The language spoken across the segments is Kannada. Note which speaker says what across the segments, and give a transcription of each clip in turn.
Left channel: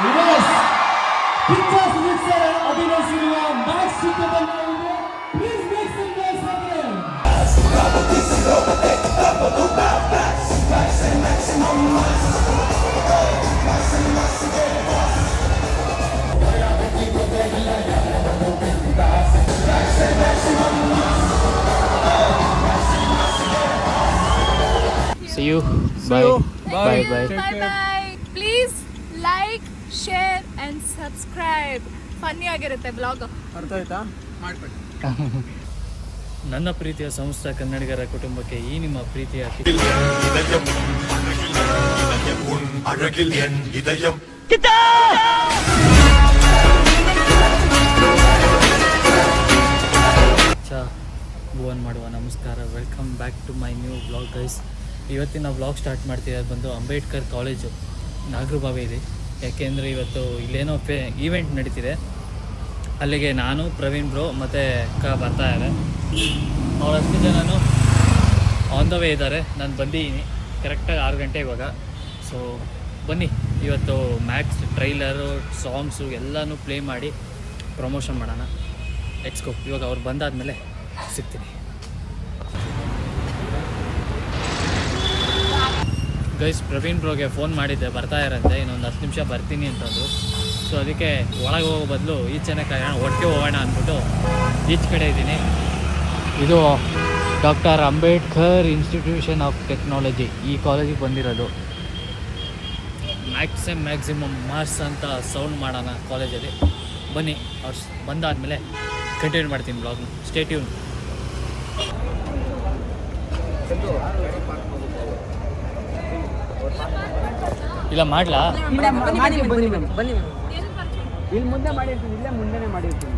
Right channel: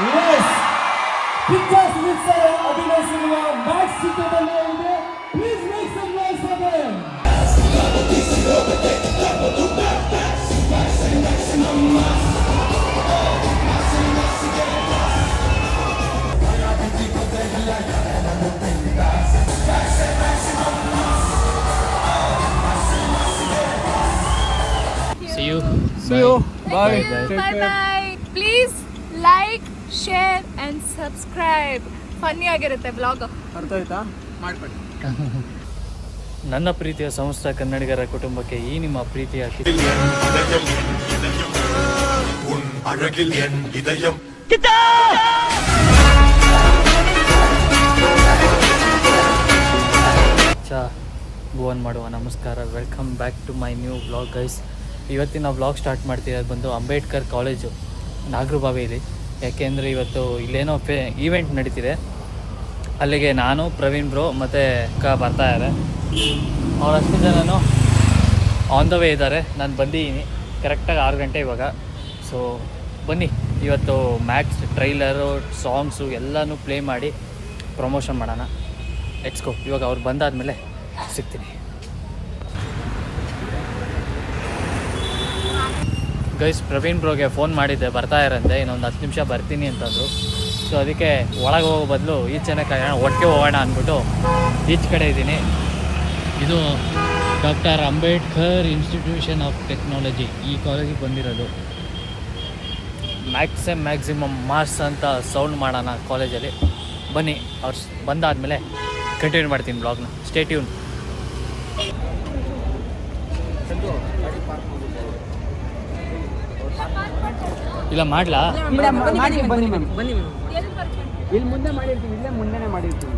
Speaker 1: Yes. To the Please make some noise for them.
Speaker 2: See you.
Speaker 3: See
Speaker 2: Bye.
Speaker 3: you.
Speaker 2: Bye.
Speaker 3: Bye.
Speaker 2: Bye.
Speaker 4: Bye. And subscribe funny ಆಗಿರುತ್ತೆ ಬ್ಲಾಗ್
Speaker 3: ಅರ್ಥ ಆಯ್ತಾ
Speaker 2: ನನ್ನ ಪ್ರೀತಿಯ ಸಂಸ್ಥ ಕನ್ನಡಿಗರ ಕುಟುಂಬಕ್ಕೆ ಈ ನಿಮ್ಮ ಪ್ರೀತಿಯ
Speaker 5: ಚಾ
Speaker 2: ಭುವನ್ ಮಾಡುವ ನಮಸ್ಕಾರ. Welcome back to my new blog guys ಇವತ್ತಿನ ಬ್ಲಾಗ್ ಸ್ಟಾರ್ಟ್ ಮಾಡ್ತೀವಿ ಅದು ಬಂದು ಅಂಬೇಡ್ಕರ್ ಕಾಲೇಜು ನಾಗರಬಾವಿಯಲ್ಲಿ ಯಾಕೆಂದರೆ ಇವತ್ತು ಇಲ್ಲೇನೋ ಫೇ ಈವೆಂಟ್ ನಡೀತಿದೆ. ಅಲ್ಲಿಗೆ ನಾನು, ಪ್ರವೀಣ್ ಬ್ರೋ ಮತ್ತು ಅಕ್ಕ ಬರ್ತಾ ಇದ್ದಾರೆ. ಅವ್ರು ಹತ್ತು ಜನನು ಆನ್ ದ ವೇ ಇದ್ದಾರೆ. ನಾನು ಬಂದಿದ್ದೀನಿ. ಕರೆಕ್ಟಾಗಿ ಆರು ಗಂಟೆ ಇವಾಗ. ಸೊ ಬನ್ನಿ. ಇವತ್ತು ಮ್ಯಾಕ್ಸ್ ಟ್ರೈಲರು ಸಾಂಗ್ಸು ಎಲ್ಲನೂ ಪ್ಲೇ ಮಾಡಿ ಪ್ರಮೋಷನ್ ಮಾಡೋಣ. ಎಟ್ಸ್ಕೋ ಇವಾಗ ಅವ್ರು ಬಂದಾದಮೇಲೆ ಸಿಗ್ತೀನಿ. ಗೈಸ್ ಪ್ರವೀಣ್ ಬ್ರೋಗೆ ಫೋನ್ ಮಾಡಿದ್ದೆ, ಬರ್ತಾ ಇರಂತೆ, ಇನ್ನೊಂದು ಹತ್ತು ನಿಮಿಷ ಬರ್ತೀನಿ ಅಂತಂದು ಸೊ ಅದಕ್ಕೆ ಒಳಗೆ ಹೋಗೋ ಬದಲು ಈಚೆನೆ ಕಾಯೋಣ ಒಟ್ಟಿಗೆ ಹೋಗೋಣ ಅಂದ್ಬಿಟ್ಟು ಈಚ್ ಕಡೆ ಇದ್ದೀನಿ. ಇದು doctor Ambedkar institution of technology ಈ ಕಾಲೇಜಿಗೆ ಬಂದಿರೋದು. ಮ್ಯಾಕ್ಸಿಮ್ ಮ್ಯಾಕ್ಸಿಮಮ್ ಮಾರ್ಕ್ಸ್ ಅಂತ ಸೌಂಡ್ ಮಾಡೋಣ ಕಾಲೇಜಲ್ಲಿ ಬನ್ನಿ, ಅವ್ರು ಬಂದಾದಮೇಲೆ ಕಂಟಿನ್ಯೂ ಮಾಡ್ತೀನಿ ಬ್ಲಾಗ್ನ ಸ್ಟೇಟ್ಯೂನ್ ಇಲ್ಲ ಮಾಡ್ಲಾ?
Speaker 3: ಮಾಡಿ ಬನ್ನಿ ಮ್ಯಾಮ್ ಬನ್ನಿ ಮ್ಯಾಮ್ ಇಲ್ಲಿ ಮುಂದೆ ಮಾಡಿರ್ತೀವಿ ಇಲ್ಲೇ ಮುಂದೆನೇ ಮಾಡಿರ್ತೀವಿ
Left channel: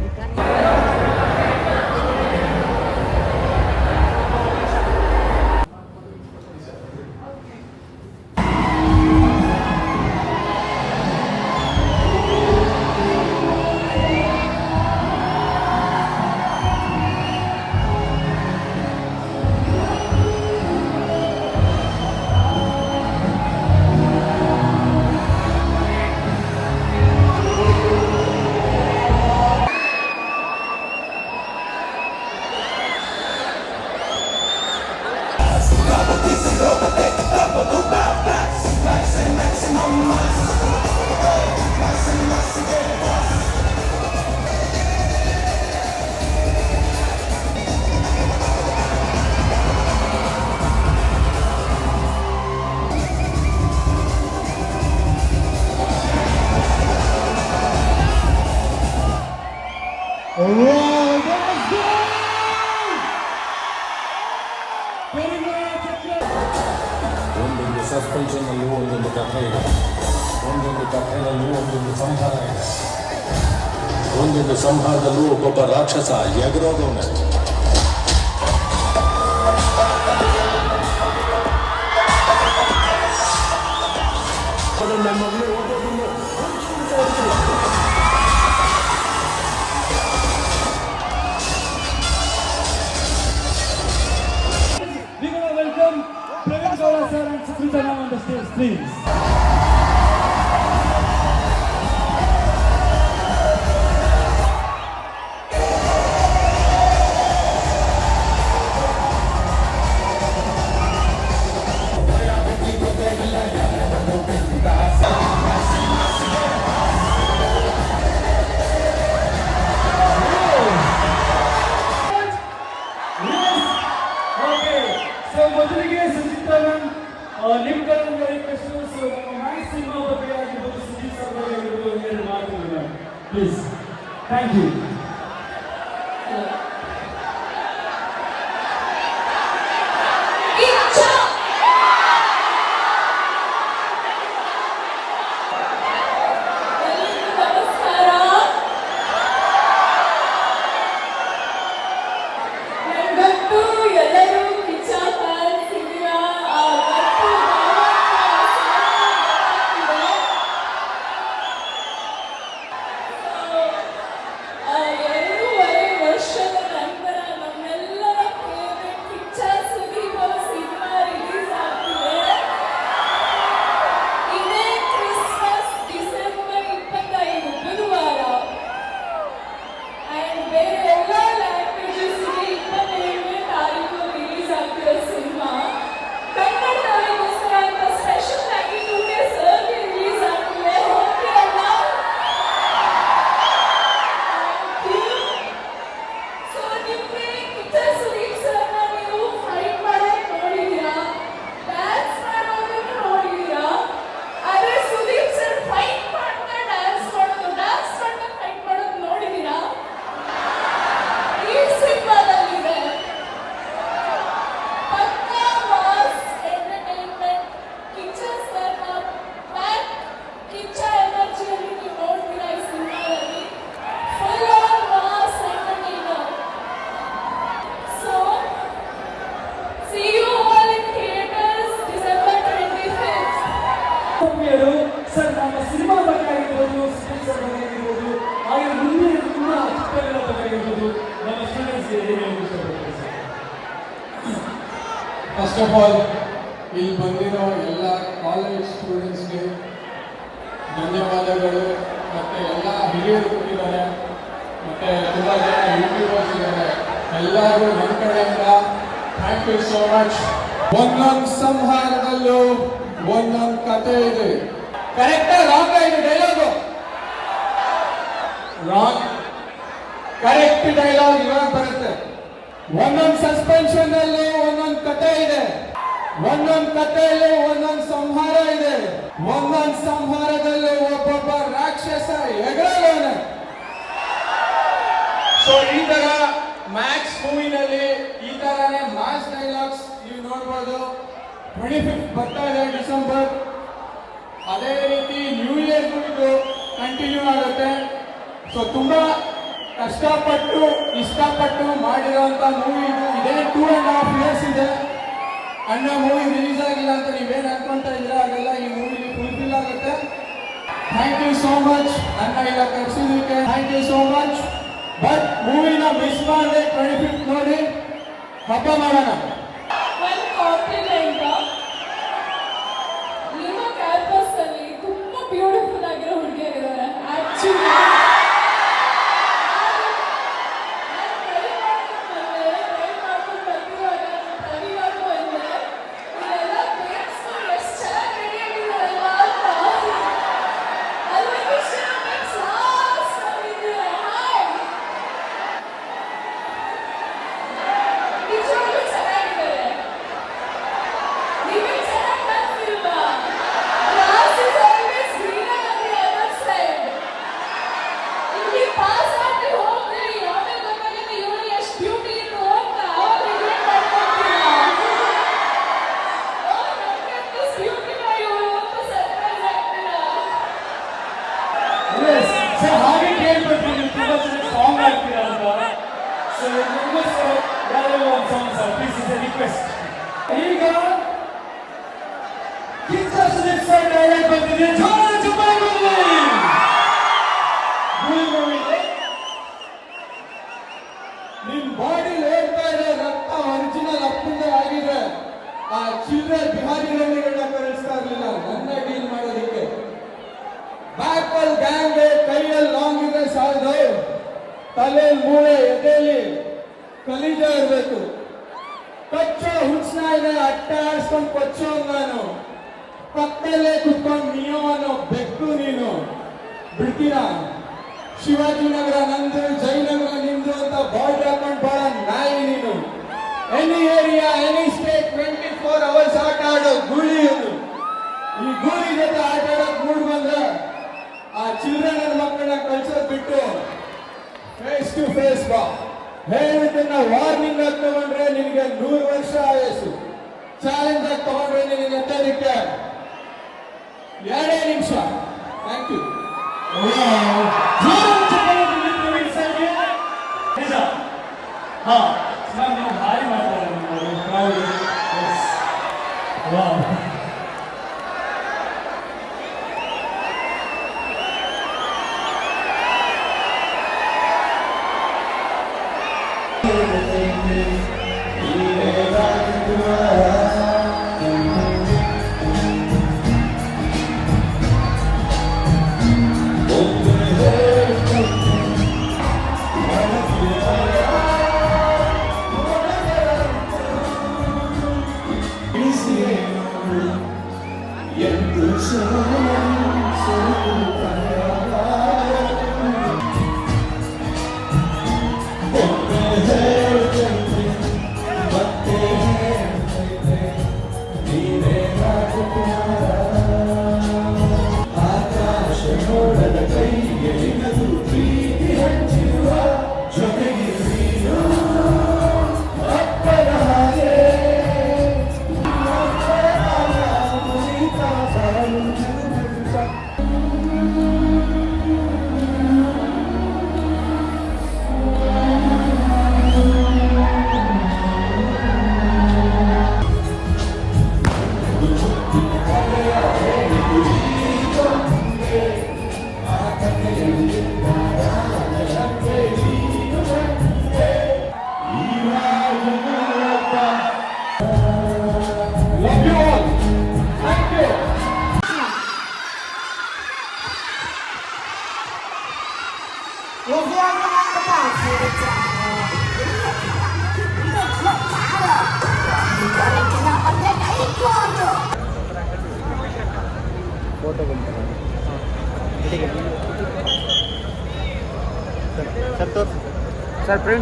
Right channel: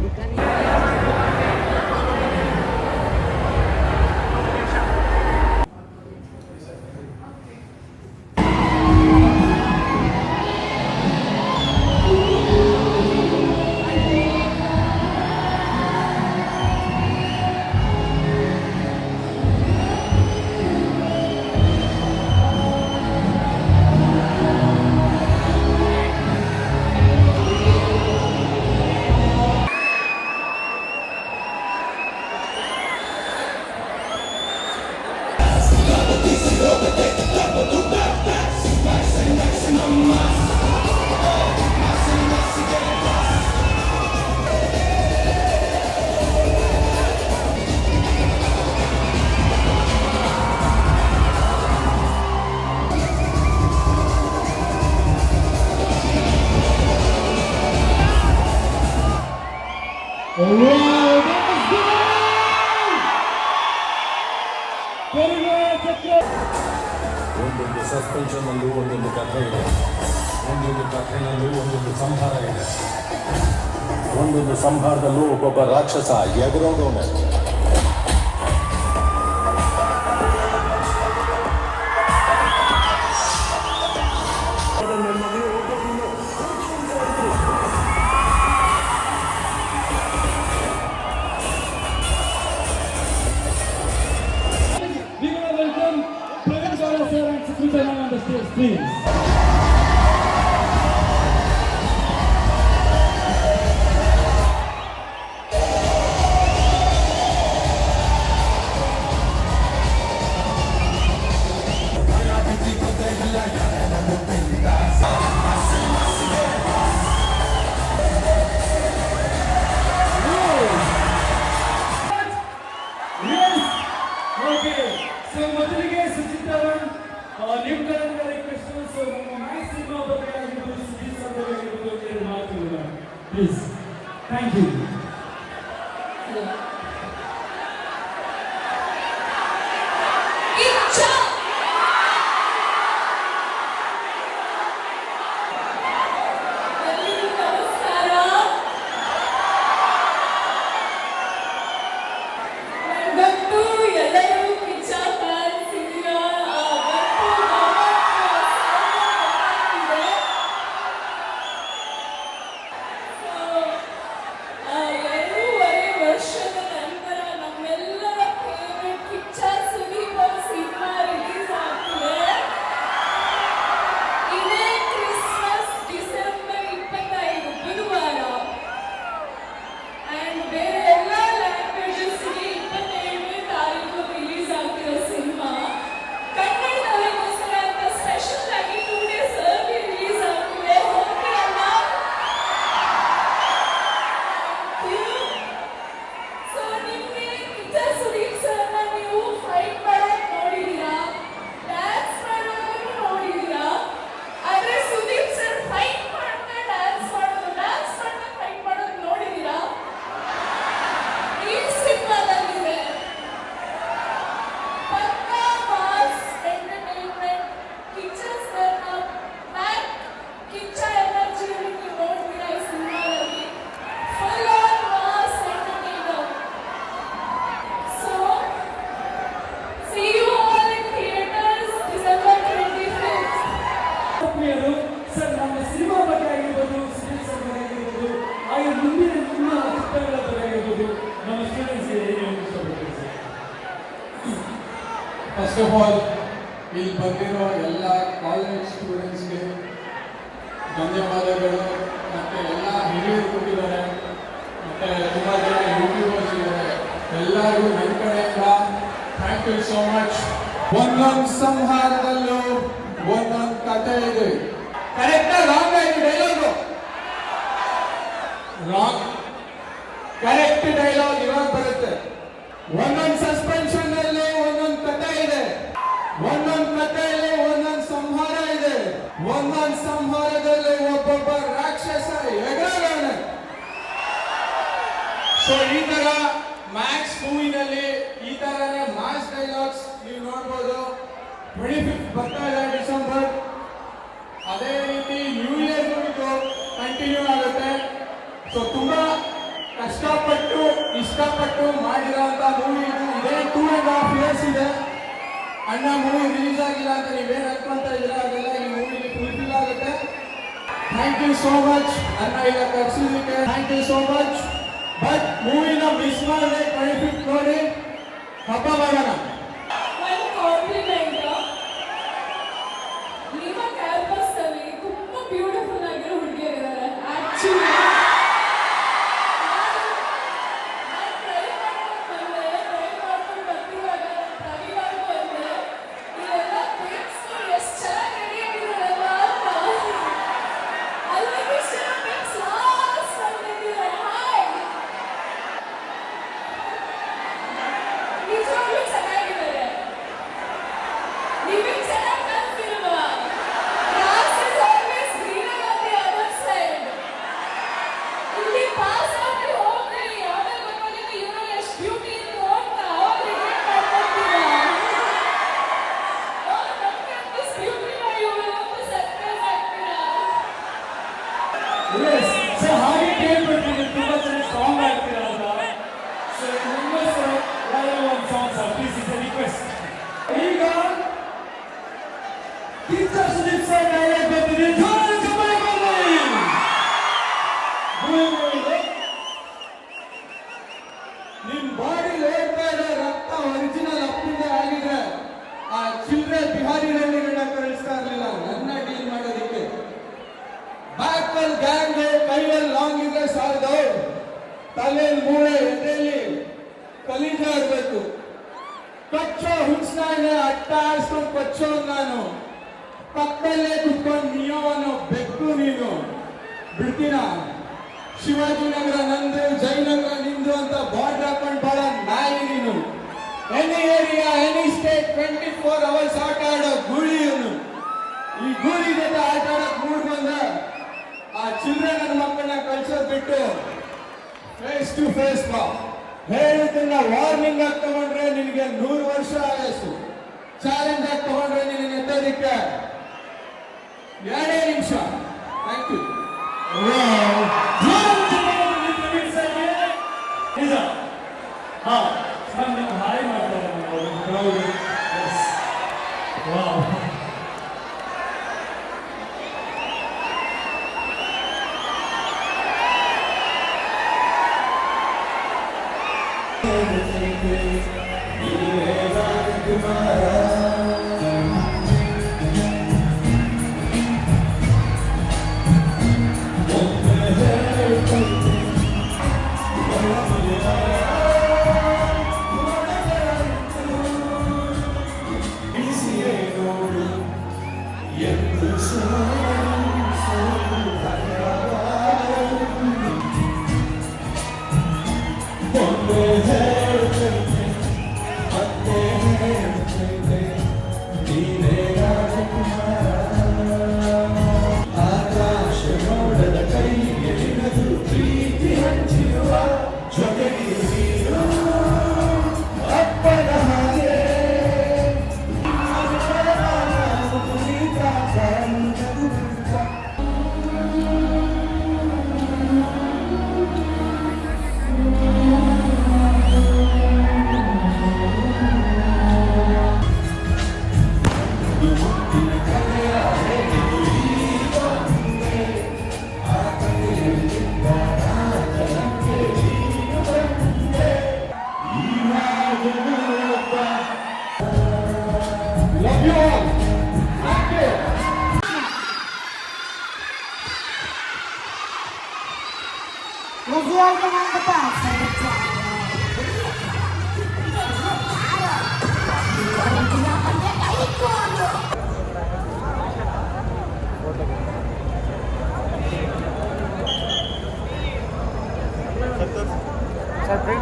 Speaker 6: ಸಂಹಾರದಲ್ಲೂ ಒಬ್ಬೊಬ್ಬ ರಾಕ್ಷಸ ಎಗರೋದವನು
Speaker 1: ಆಗಿರ್ಬೋದು ನಮ್ಮ ಹೇಳಕ್ಕೆ
Speaker 7: ಫಸ್ಟ್ ಆಫ್ ಆಲ್ ಇಲ್ಲಿ ಬಂದಿರೋ ಎಲ್ಲ ಕಾಲೇಜ್ ಸ್ಟೂಡೆಂಟ್ಸ್ಗೆ ಧನ್ಯವಾದಗಳು ಮತ್ತೆ ಎಲ್ಲ ಹಿರಿಯರು ಕೊಟ್ಟಿದ್ದಾರೆ ಮತ್ತೆ ತುಂಬ ಜನ ಯೂಟ್ಯೂಬರ್ಸ್ ಇದ್ದಾರೆ ಎಲ್ಲರಿಗೂ ನನ್ನ ಕಡೆಯಿಂದ ಥ್ಯಾಂಕ್ ಯು ಸೋ ಮಚ್ ಒಂದೊಂದು ಸಂಹಾರದಲ್ಲೂ ಒಂದೊಂದು ಕತೆ ಇದೆ ಕರೆಕ್ಟಾಗಿ ರಾಂಗ್ ಆಗಿದೆ ಡೈಲಾಗು ರಾಂಗ್ ಕರೆಕ್ಟ್ ಡೈಲಾಗ್ ಇವಾಗ ಬರುತ್ತೆ. ಒಂದೊಂದು ಸಸ್ಪೆನ್ಷನ್ ಅಲ್ಲಿ ಒಂದೊಂದು ಕತೆ ಇದೆ. ಒಂದೊಂದು ಕಥೆಯಲ್ಲಿ ಒಂದೊಂದು ಸಂಹಾರ ಇದೆ. ಒಂದೊಂದು ಸಂಹಾರದಲ್ಲಿ ಒಬ್ಬೊಬ್ಬ ರಾಕ್ಷಸ ಎಗರವನೆ ಸೊ ಈ ತರ ಮ್ಯಾಕ್ಸ್ ಮೂವಿನಲ್ಲಿ ಈ ತರನೇ ಮಾಸ್ ಡೈಲಾಗ್ಸ್ ನೀವು ನೋಡ್ಬೋದು. ಟ್ವೆಂಟಿ ಫಿಫ್ತ್ ಬರ್ತಾ ಇದೆ ಡಿಸೆಂಬರ್. ಅದೇ ರೀತಿ ನ್ಯೂ ಇಯರ್ ಇದು ಕಂಟಿನ್ಯೂ ಆಗುತ್ತೆ. ಸೊ ತುಂಬಾ ಕಷ್ಟಪಟ್ಟು, ಇಷ್ಟಪಟ್ಟು ಮಾಡಿರೋಂಥ ಮೂವಿ ಇದು. ಇದೇ ಟೂ ಆ್ಯಂಡ್ ಹಾಫ್ ಇಯರ್ಸ್ ಇದೆ. ಅಣ್ಣ ಮೂವಿ ರಿಲೀಸ್ ಆಗಿಲ್ಲ ಅಂತ ನೀವೇನು ಅನ್ಕೊಂತ ಇದ್ರೆ ಅದೆಲ್ಲ ಈ ಮೂವಿಲಿ ಫುಲ್ಫಿಲ್ ಆಗುತ್ತೆ. ಥ್ಯಾಂಕ್ ಯು ಸೋ ಮಚ್ ಅಣ್ಣ ಇಲ್ಲ ಕರ್ಸಿದ್ದಕ್ಕೆ thank you so much but ಮೂವಿನ miss ಮಾಡಿದೆ ಟ್ವೆಂಟಿ ಫಿಫ್ತ್ ನೋಡಿ. ಹಬ್ಬ ಮಾಡೋಣ.
Speaker 1: ಇಸ್ ರಿಕ್ವೆಸ್ಟ್ ಈಗ ಕಿಚ್ಚ ಸುದೀಪ್ ಸರ್ ಡೈಲಾಗ್ ಬರ್ತೀನಿ ಜೋರ ಚಪ್ಪಾಳೆ ಬರಲಿ
Speaker 7: ನಿಮ್ ಬಾಡಿ ಓಡ್ತಾ ಇರೋ ರಕ್ತ ಒರಿಜಿನಲ್ ಅಪ್ಪಿಂದ ಆಗಿದೆ ಆ ಚಿಲ್ಡ್ರೆ ಬಿಹಾರಿ ರಣ್ಣಿಗಳನ್ನ ಕಳಿಸ್ತಾ ಇರ್ಲಿಲ್ಲ ನನ್ನ ಡೀಲ್ ಮಾಡೋದಕ್ಕೆ ಬ್ಯಾಕಲ್ ಗ್ಯಾಂಗ್ ಕೈಯಲ್ಲಿ ಲಾಂಗ್ ಇದ್ರೆ ಸಾಲದು ತಲೆಯಲ್ಲಿ ಮೂಳೆ ಎದೆಯಲ್ಲಿ ಕಲೀಜ ಇರ್ಬೇಕು ಕಚ್ಚೋ ಹುಚ್ನ ಇದೆ, ಅಟ್ಟ ಕೊಚ್ಚೋ ನಾನು ಪಕ್ಕದಲ್ಲೇ ಕುತ್ಕೊಂಡು ನಿಯೋ ಬೆಕ್ಕು ನೀನು. ಬಿಡ್ತೀರಾ? ಶಿವಾಜಿನಗರ ನಂದು, ಜಯನಗರ ನಿಂದು ಅಂತ ಬಾರ್ಡ್ ಹಾಕೊಂಡು ಬಹಳ ನಾಯಿ ನೀನು. Any area any state twenty four hours ಆಟ ಆಡೋ ಗೂಳಿ ಈ ಗೂಳಿ ಜೊತೆ ಆಟ ಆಡೋಕ್ ಮೂಡ್ ಬಂದ್ರೆ ಆ ಚಿಲ್ಡ್ರನ್ ಮಕ್ಕಳನ್ನ ಕಳ್ಸೋದ್ ಬಿಟ್ಟು ಫೇಸ್ ಟು ಫೇಸ್ ಬಾ. ಹೇಳಿದ್ದನ್ನ ವಾರ್ನಿಂಗ್ ಆಗಿ ತಗೊಂಡ್ರೆ ನಿನಗೆ ಚಾಲೆಂಜ್ ಆಗಿ ತಗೊಂಡ್ರೆ ನಿನ್ನ ಎತ್ತೋದಕ್ಕೆ ಎರಡೇ ನಿಮಿಷ. ಥ್ಯಾಂಕ್ ಯು
Speaker 1: ನಿಜ. ಹಾ. ಸರ್ ನೀವು ಭಾರಿ ಮಾತಾಡೋಣ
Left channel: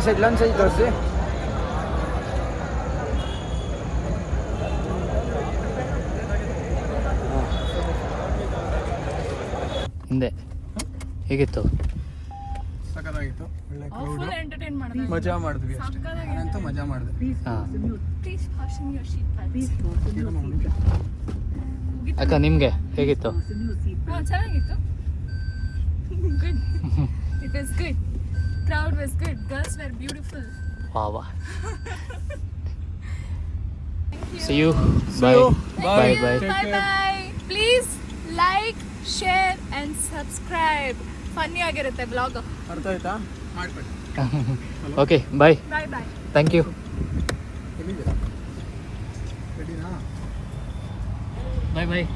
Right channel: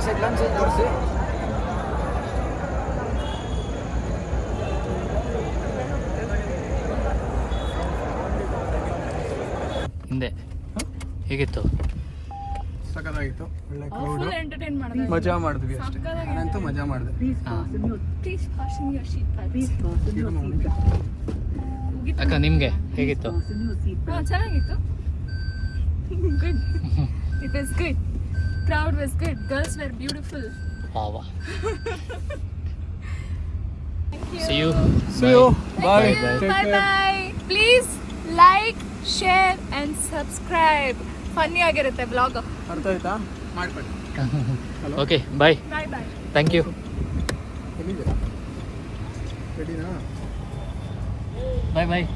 Speaker 3: ಸರ್ ಫ್ರೆಂಡ್ಸ್ ಇಲ್ಲೊಂದು ಸೈಡ್ ತೋರಿಸಿ
Speaker 2: ಹಿಂದೆ. ಹೇಗಿತ್ತು?
Speaker 3: ಸಖತ್ತಾಗಿತ್ತು. ಒಳ್ಳೆ ಕ್ರೌಡ್
Speaker 4: ಫುಲ್ ಎಂಟರ್ಟೈನ್ ಮಾಡಿದೆ
Speaker 3: ಮಜಾ ಮಾಡಿದ್ವಿ ಅಷ್ಟೇ. ನಾನಂತೂ ಮಜಾ ಮಾಡಿದೆ.
Speaker 2: ಅಕ್ಕ ನಿಮಗೆ ಹೇಗಿತ್ತು?
Speaker 4: ಚೆನ್ನಾಗಿತ್ತು. Good it is good crowd was good girls were beautiful
Speaker 2: ವಾ ವಾ see you
Speaker 3: See you.
Speaker 2: Bye
Speaker 3: Bye.
Speaker 2: Bye
Speaker 4: bye bye please like share and subscribe funny ಆಗಿರುತ್ತೆ ಬ್ಲಾಗ್
Speaker 3: ಅರ್ಥ ಆಯ್ತಾ? ಮಾಡ್ಕೊಳ್ಳಿ.
Speaker 2: Okay
Speaker 4: bye bye
Speaker 2: bye thank
Speaker 3: you ರೆಡಿನಾ?
Speaker 2: ಬಾಯ್ ಬಾಯ್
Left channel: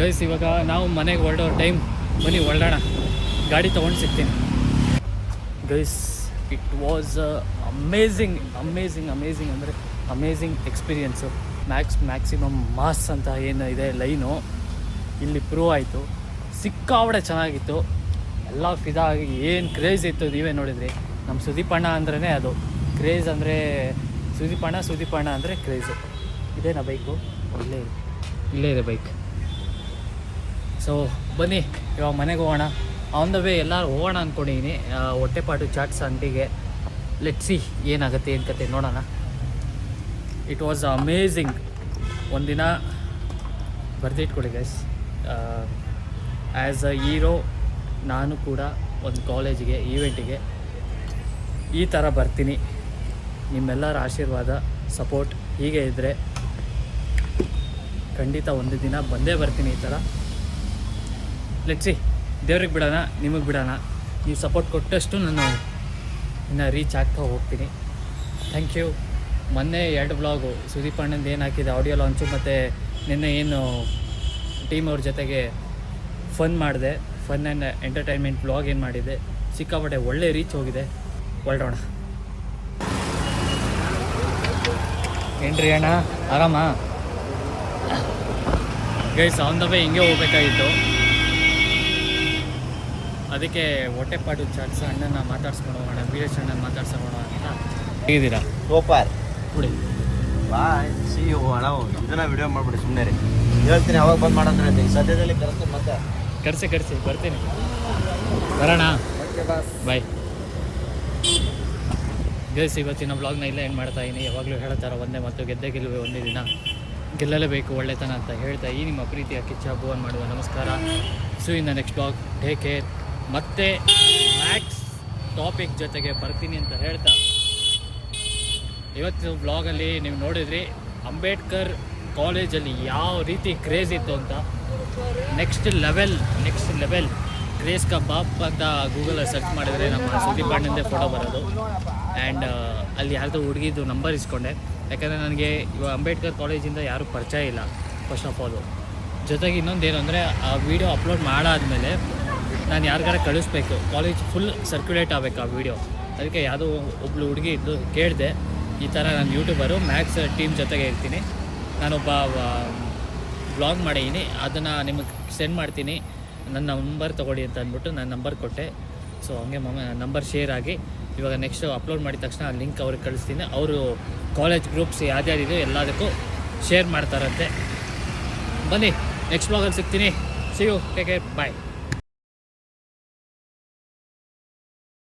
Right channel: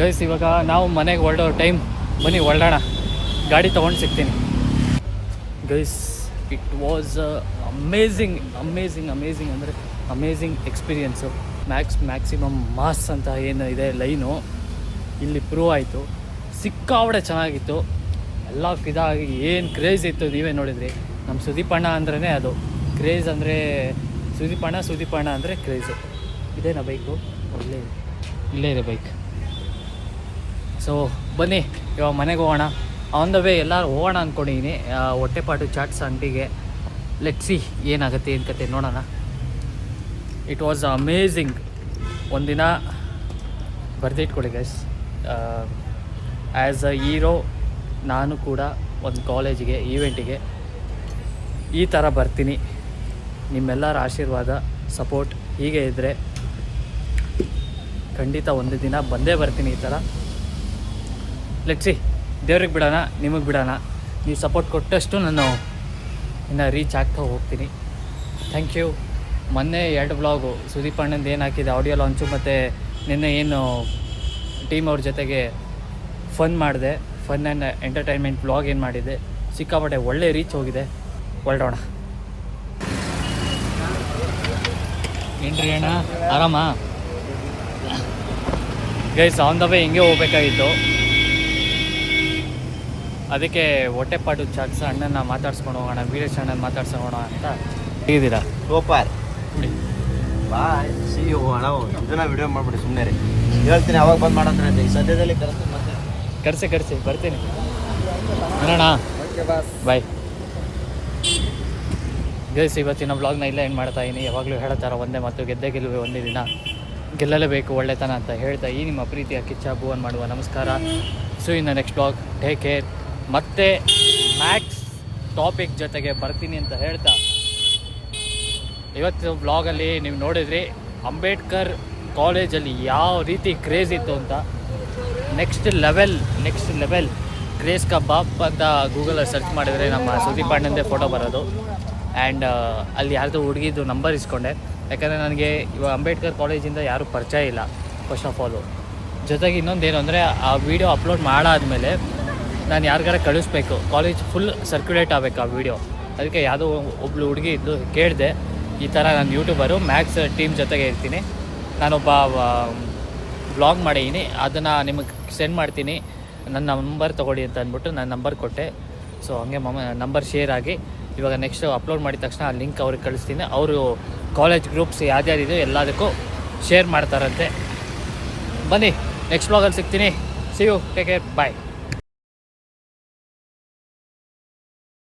Speaker 2: ಗೈಸ್ ಇವಾಗ ನಾವು ಮನೆಗೆ ಹೊರಡೋ ಟೈಮ್ ಬನ್ನಿ, ಹೊರಡೋಣ. ಗಾಡಿ ತೊಗೊಂಡು ಸಿಗ್ತೀನಿ. Guys it was amazing amazing amazing ಅಂದರೆ amazing experience Max maximum mass ಅಂತ ಏನು ಇದೆ ಲೈನು ಇಲ್ಲಿ ಪ್ರೂವ್ ಆಯಿತು. ಸಿಕ್ಕಾವಡೆ ಚೆನ್ನಾಗಿತ್ತು. ಎಲ್ಲ ಫಿದಾಗಿ ಏನು ಕ್ರೇಜ್ ಇತ್ತು ನೀವೇ ನೋಡಿದ್ರಿ. ನಮ್ಮ ಸುದೀಪಣ್ಣ ಅಂದ್ರೇ ಅದು. ಕ್ರೇಜ್ ಅಂದರೆ ಸುದೀಪಣ್ಣ ಸುದೀಪಣ್ಣ ಅಂದರೆ ಕ್ರೇಜು ಇದೇನಾ ಬೈಕು ಇಲ್ಲೇ ಇದೆ. ಇಲ್ಲೇ ಇದೆ ಬೈಕ್ ಸೊ ಬನ್ನಿ, ಇವಾಗ ಮನೆಗೆ ಹೋಗೋಣ. ಆನ್ ದ ವೇ ಎಲ್ಲರೂ ಹೋಗೋಣ ಅಂದ್ಕೊಂಡಿದ್ದೀನಿ ಹೊಟ್ಟೆಪಾಟು ಚಾಟ್ಸ್ ಅಂಗಡಿಗೆ ಲೆಟ್ ಸಿ ಏನಾಗುತ್ತೆ ಏನು ಕತೆ ನೋಡೋಣ. ಇಟ್ ವಾಸ್ ಅಮೇಝಿಂಗ್ ಒಂದಿನ ಬರೆದಿಟ್ಕೊಳ್ಳಿ ಗೈಸ್ ಆ್ಯಸ್ ಅ ಹೀರೋ ನಾನು ಕೂಡ ಒಂದು ಕಾಲೇಜಿಗೆ ಈವೆಂಟಿಗೆ ಈ ಥರ ಬರ್ತೀನಿ. ನಿಮ್ಮೆಲ್ಲರ ಆಶೀರ್ವಾದ ಸಪೋರ್ಟ್ ಹೀಗೆ ಇದ್ದರೆ ಖಂಡಿತ ಒಂದು ದಿನ ಬಂದೇ ಬರ್ತೀನಿ ಈ ಥರ ಲೆಟ್ಸಿ ದೇವ್ರಿಗೆ ಬಿಡೋಣ, ನಿಮಗೆ ಬಿಡೋಣ. ನೀವು ಸಪೋರ್ಟ್ ಕೊಟ್ಟಷ್ಟು ನಾನು ಇನ್ನು ರೀಚ್ ಆಗ್ತಾ ಹೋಗ್ತೀನಿ. ಥ್ಯಾಂಕ್ ಯು ಮೊನ್ನೆ ಎರಡು ಬ್ಲಾಗು ಸುದೀಪ್ ಅಣ್ಣಂದು ಏನು ಹಾಕಿದೆ ಆಡಿಯೋ ಲಾಂಚು ಮತ್ತು ನಿನ್ನೆ ಏನು ಟೀಮ್ ಅವ್ರ ಜೊತೆಗೆ ಫನ್ ಮಾಡಿದೆ. ಫನ್ ಆ್ಯಂಡ್ ಎಂಟರ್ಟೈನ್ಮೆಂಟ್ ಬ್ಲಾಗ್ ಏನು ಮಾಡಿದೆ. ಸಿಕ್ಕಾಪಟ್ಟೆ ಒಳ್ಳೆ ರೀಚ್ ಹೋಗಿದೆ. ಹೊರಡೋಣ. ಏನ್ರಿ ಅಣ್ಣ? ಆರಾಮ? ಗೈಸ್ ಆನ್ ದ ವೇ ಹಿಂಗೆ ಹೋಗ್ಬೇಕಾಗಿತ್ತು. ಅದಕ್ಕೆ ಹೊಟ್ಟೆಪಾಡು ಚಾಟ್ಸ್ ಅಣ್ಣನ ಮಾತಾಡ್ಸ್ಕೊಂಡು ಹೋಗೋಣ ವೀರೇಶ್ ಅಣ್ಣನ ಮಾತಾಡ್ಸ್ಕೊಂಡು ಅಂತ ಹೇಗಿದ್ದೀರಾ
Speaker 8: ಸೂಪರ್
Speaker 2: ನೋಡಿ.
Speaker 8: ಬಾಯ್. ಸಿ ಯು ಅಣ್ಣ. ಇದನ್ನ ವಿಡಿಯೋ ಮಾಡ್ಬಿಡಿ ಸುಮ್ಮನೆ ರೀ ಹೇಳ್ತೀನಿ ಅವಾಗ ಬಂದು ಮಾಡೋದ್ರೆ ಅಂತ. ಈ ಸದ್ಯದಲ್ಲಿ ಕರೆಸ್ತೀನಿ ಮತ್ತೆ.
Speaker 2: ಕರೆಸಿ ಕರೆಸಿ ಬರ್ತೀನಿ. ಬರೋಣ? ಬಾಯ್ ಗೈಸ್ ಇವತ್ತಿನ ವ್ಲಾಗ್ನ ಇಲ್ಲ ಏನು ಮಾಡ್ತಾ ಇದ್ದೀನಿ ಯಾವಾಗಲೂ ಹೇಳ್ತಾರೆ ಒಂದೇ ಮತ್ತು ಗೆದ್ದೆ ಗೆಲುವೆ ಒಂದೇ ದಿನ. ಗೆಲ್ಲಲೇಬೇಕು ಒಳ್ಳೆತನ ಅಂತ ಹೇಳ್ತಾ ಈ ನಿಮ್ಮ ಪ್ರೀತಿಯ ಕಿಚ್ಚ ಭುವನ್ ಮಾಡುವ ನಮಸ್ಕಾರ. ಸೊ ಇನ್ನ ನೆಕ್ಸ್ಟ್ ಬ್ಲಾಗ್ ಟೇಕ್ ಕೇರ್ ಮತ್ತೆ ಮ್ಯಾಕ್ಸ್ ಟಾಪಿಕ್ ಜೊತೆಗೆ ಬರ್ತೀನಿ ಅಂತ ಹೇಳ್ತಾ. ಇವತ್ತು ಬ್ಲಾಗಲ್ಲಿ ನೀವು ನೋಡಿದ್ರಿ, ಅಂಬೇಡ್ಕರ್ ಕಾಲೇಜಲ್ಲಿ ಯಾವ ರೀತಿ ಕ್ರೇಜ್ ಇತ್ತು ಅಂತ. Next level next level craze kebab ಅಂತ ಗೂಗಲಲ್ಲಿ ಸರ್ಚ್ ಮಾಡಿದರೆ ನಮ್ಮ ಸುದೀಪ್ ಅಣ್ಣಂದೇ ಫೋಟೋ ಬರೋದು. ಆ್ಯಂಡ್ ಅಲ್ಲಿ ಯಾರ್ದು ಹುಡುಗಿದ್ದು ನಂಬರ್ ಇಸ್ಕೊಂಡೆ. ಯಾಕಂದರೆ ನನಗೆ ಇವಾಗ ಅಂಬೇಡ್ಕರ್ ಕಾಲೇಜಿಂದ ಯಾರೂ ಪರಿಚಯ ಇಲ್ಲ ಫಸ್ಟ್ ಆಫ್ ಆಲು ಜೊತೆಗೆ ಇನ್ನೊಂದು ಏನು ಅಂದರೆ ಆ ವಿಡಿಯೋ ಅಪ್ಲೋಡ್ ಮಾಡಾದಮೇಲೆ ನಾನು ಯಾರಿಗಾರ ಕಳಿಸ್ಬೇಕು. ಕಾಲೇಜ್ ಫುಲ್ ಸರ್ಕ್ಯುಲೇಟ್ ಆಗಬೇಕು ಆ ವಿಡಿಯೋ ಅದಕ್ಕೆ ಯಾವುದೋ ಒಬ್ಳು ಹುಡುಗಿ ಇದ್ದು ಕೇಳಿದೆ, ಈ ಥರ ನಾನು ಯೂಟ್ಯೂಬರು ಮ್ಯಾಥ್ಸ್ ಟೀಮ್ ಜೊತೆಗೆ ಇರ್ತೀನಿ. ನಾನೊಬ್ಬ ಬ್ಲಾಗ್ ಮಾಡಿದ್ದೀನಿ ಅದನ್ನು ನಿಮಗೆ ಸೆಂಡ್ ಮಾಡ್ತೀನಿ. ನನ್ನ ನಂಬರ್ ತೊಗೊಳ್ಳಿ ಅಂತ ಅಂದ್ಬಿಟ್ಟು ನಾನು ನಂಬರ್ ಕೊಟ್ಟೆ. ಸೊ ಹಂಗೆ ಮಮ್ಮ ನಂಬರ್ ಶೇರ್ ಆಗಿ, ಇವಾಗ ನೆಕ್ಸ್ಟ್ ಅಪ್ಲೋಡ್ ಮಾಡಿದ ತಕ್ಷಣ ಆ ಲಿಂಕ್ ಅವ್ರಿಗೆ ಕಳಿಸ್ತೀನಿ. ಅವರು ಕಾಲೇಜ್ ಗ್ರೂಪ್ಸ್ ಯಾವ್ದ್ಯಾವ್ದಿದೆ ಎಲ್ಲದಕ್ಕೂ ಶೇರ್ ಮಾಡ್ತಾರಂತೆ. ಬನ್ನಿ ನೆಕ್ಸ್ಟ್ ಬ್ಲಾಗಲ್ಲಿ ಸಿಗ್ತೀನಿ. See you take care bye